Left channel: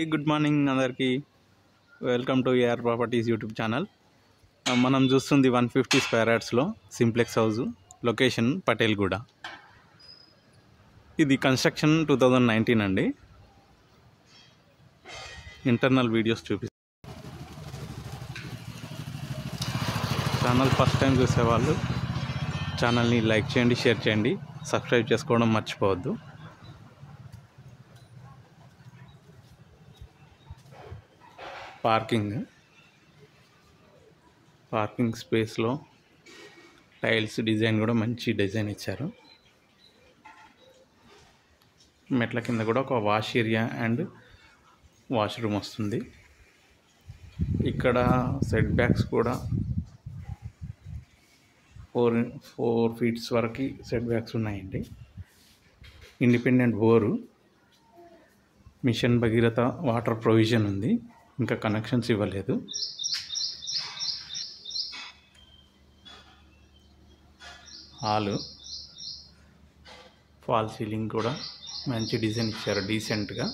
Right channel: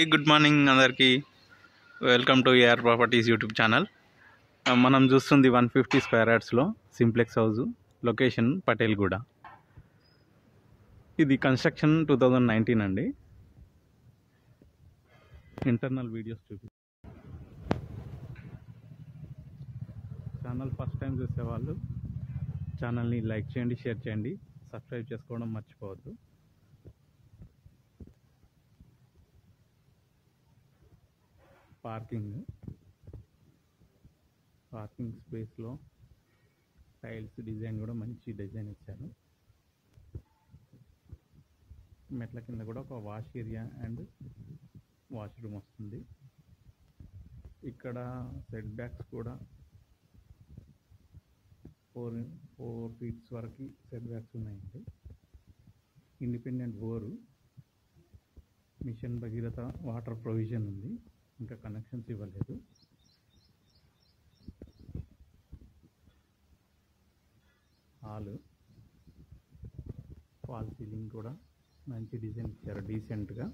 Good morning అందరికీ. Welcome to AR properties YouTube channel. మనం చూస్తుంది 150 స్క్వేర్ యార్డ్స్లో సింప్లెక్స్ హౌస్, లొకేషన్ పటేల్గూడ. ఇది కన్స్ట్రక్షన్ 2019 అండి. ఇంటర్నల్ వీడియోస్ చూపిస్తాను. ఛానల్ ఫస్ట్ టైం చూసేవాళ్ళు ఛానల్ని లైక్ చేయండి, షేర్ చేయండి, సబ్స్క్రైబ్ చేసుకోవడం మర్చిపోవద్దు. పార్కింగ్ స్పేస్లో టైల్స్ డిజైన్ కూడా మంచి డిజైన్ ఇచ్చారు. మెట్ల కింద కూడా ఒక వాష్ ఏరియా అండ్ వాష్రూమ్ వస్తుంది. ఇక్కడ సెట్ బ్యాక్స్ కూడా 4 ఫీట్స్ వరకు సెట్ బ్యాక్స్ ఉన్నాయండి. Independent bore, mission Bhagiratha water provision ఉంది. ఇంకా కనెక్షన్స్ ఇవ్వలేదు. హాలు, ఫాల్ సీలింగ్ కూడా మంచి డిజైన్ ఇచ్చారు డీసెంట్గా.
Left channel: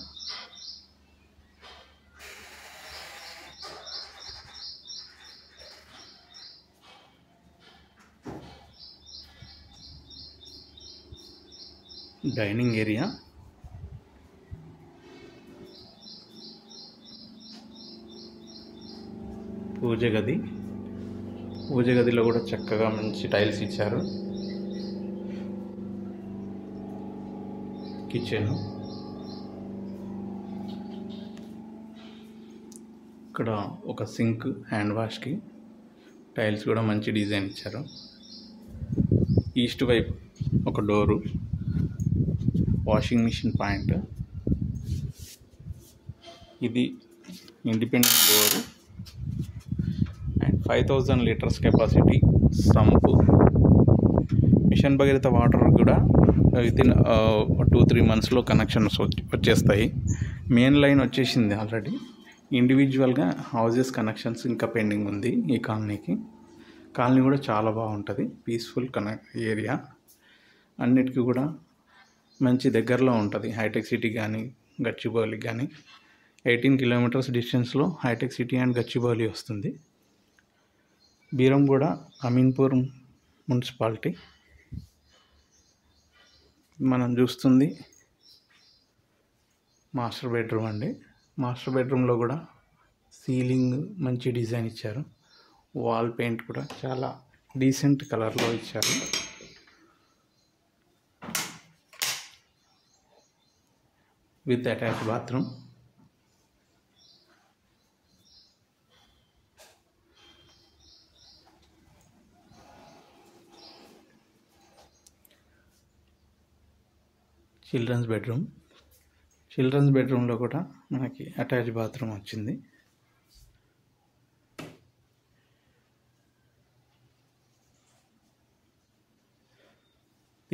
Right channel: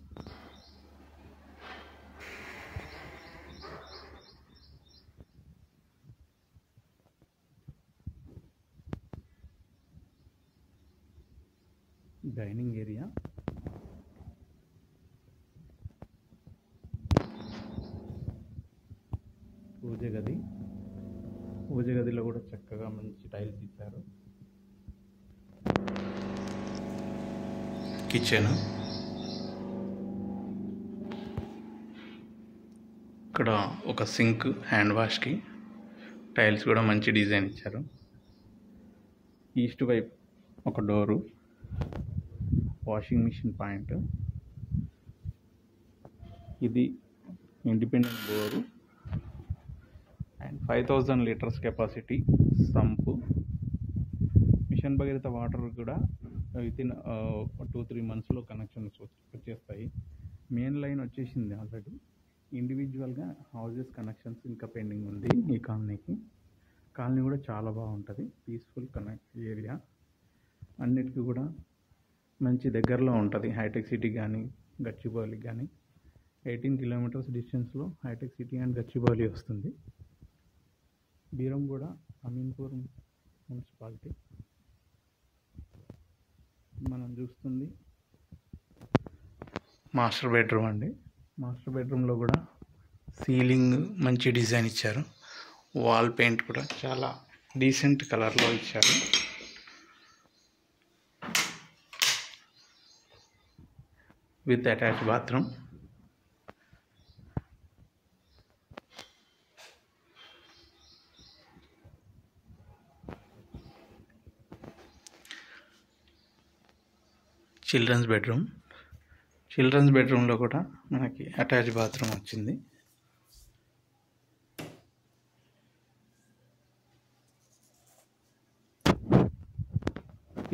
డైనింగ్ ఏరియా, పూజ గదిలో కూడా చక్కగా మంచి టైల్స్ ఇచ్చారు. కిచెన్, ఇక్కడ ఒక సింక్, హ్యాండ్ వాష్కి టైల్స్ కూడా మంచి డిజైన్ ఇచ్చారు. ఈస్ట్ వైపు ఒక డోరు, వాషింగ్ మిషన్ పాయింట్. ఇది independent door and 5000 litres capacity sump. Mission Bhagiratha water కూడా వితిన్ 2-3 మంత్స్లో కనెక్షన్స్ వచ్చేస్తాయి. మెయిన్ లైన్ వచ్చేసింది ఆల్రెడీ. ఇండివిజువల్గా హౌజెస్ కనెక్షన్స్ ఇంకా పెండింగ్ ఉంది. ఈ కాలనీ కూడా చాలా బాగుంటుంది. పీస్ఫుల్ ఏరియా, అన్నిటికీ కూడా మంచి దగ్గరలో ఉంటుంది. హైటెక్ సిటీ కానీ గచ్చిబౌలి కానీ 18 కిలోమీటర్స్ డిస్టెన్స్లో హైటెక్ సిటీ అండ్ గచ్చిబౌలి వస్తుంది. బీరంగూడ అమీన్పూర్ మున్సిపాలిటీ. మనం చూస్తుంది మాస్టర్ బెడ్రూమ్ అండి. మాస్టర్ బెడ్రూమ్లో కూడా సీలింగ్ మంచి డిజైన్ ఇచ్చారు. వాల్ పెయింట్ కూడా చాలా డీసెంట్ కలర్లో ఇచ్చారు. With attach bathroom. చిల్డ్రన్స్ బెడ్రూమ్లో కూడా మనకి అటాచ్ బాత్రూమ్ వచ్చింది.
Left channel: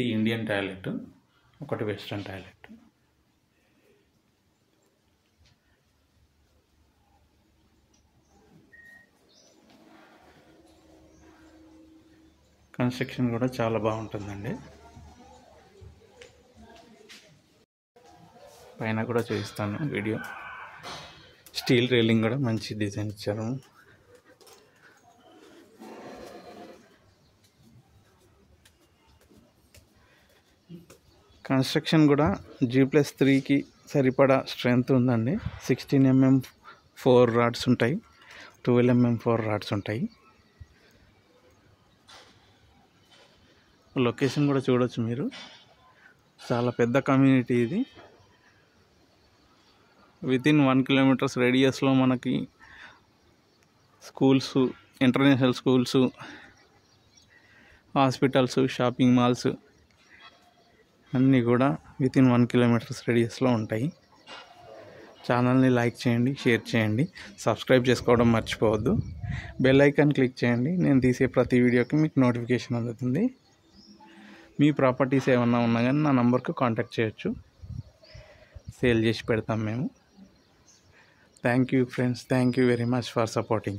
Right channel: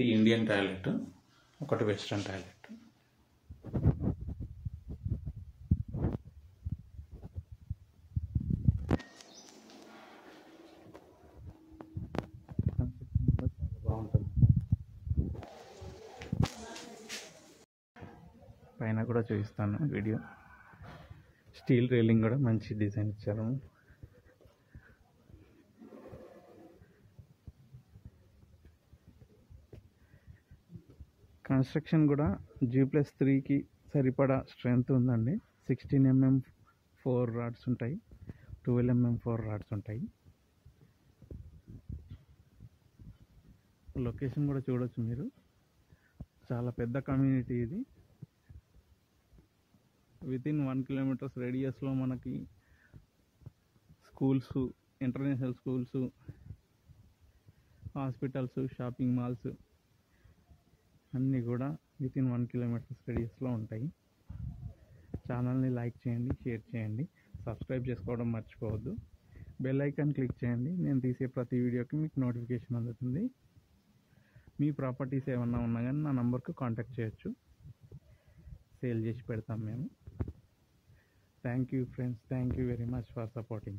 ఈ ఇండియన్ టాయిలెట్, ఒకటి వెస్ట్రన్ టాయిలెట్. కన్స్ట్రక్షన్ కూడా చాలా బాగుంటుందండి. పైన కూడా చూపిస్తాను వీడియో. స్టీల్ రైలింగ్ కూడా మంచి డిజైన్ ఇచ్చారు. కన్స్ట్రక్షన్ కూడా G+3కి సరిపడా స్ట్రెంగ్త్ ఉందండి. 16 mm 4 రాడ్స్ ఉంటాయి, 12 mm 4 రాడ్స్ ఉంటాయి. లొకేషన్ కూడా చూడొచ్చు మీరు. చాలా పెద్ద కమ్యూనిటీ ఇది. వితిన్ 1 కిలోమీటర్స్ రేడియస్లో మనకి schools, international schools, hospitals, shopping malls అన్నీ కూడా వితిన్ 1 కిలోమీటర్స్ రేడియస్లో ఉంటాయి. ఛానల్ని లైక్ చేయండి, షేర్ చేయండి, సబ్స్క్రైబ్ చేసుకోవడం మర్చిపోవద్దు. బెల్ ఐకాన్ క్లిక్ చేయండి. నేను తీసే ప్రతి వీడియోకి మీకు నోటిఫికేషన్ అందుతుంది. మీ ప్రాపర్టీస్ ఏమన్నా ఉన్నా కానీ నా నంబర్కు కాంటాక్ట్ చేయొచ్చు. సేల్ చేసి పెడతాం మేము. Thank you friends, thank you very much for supporting.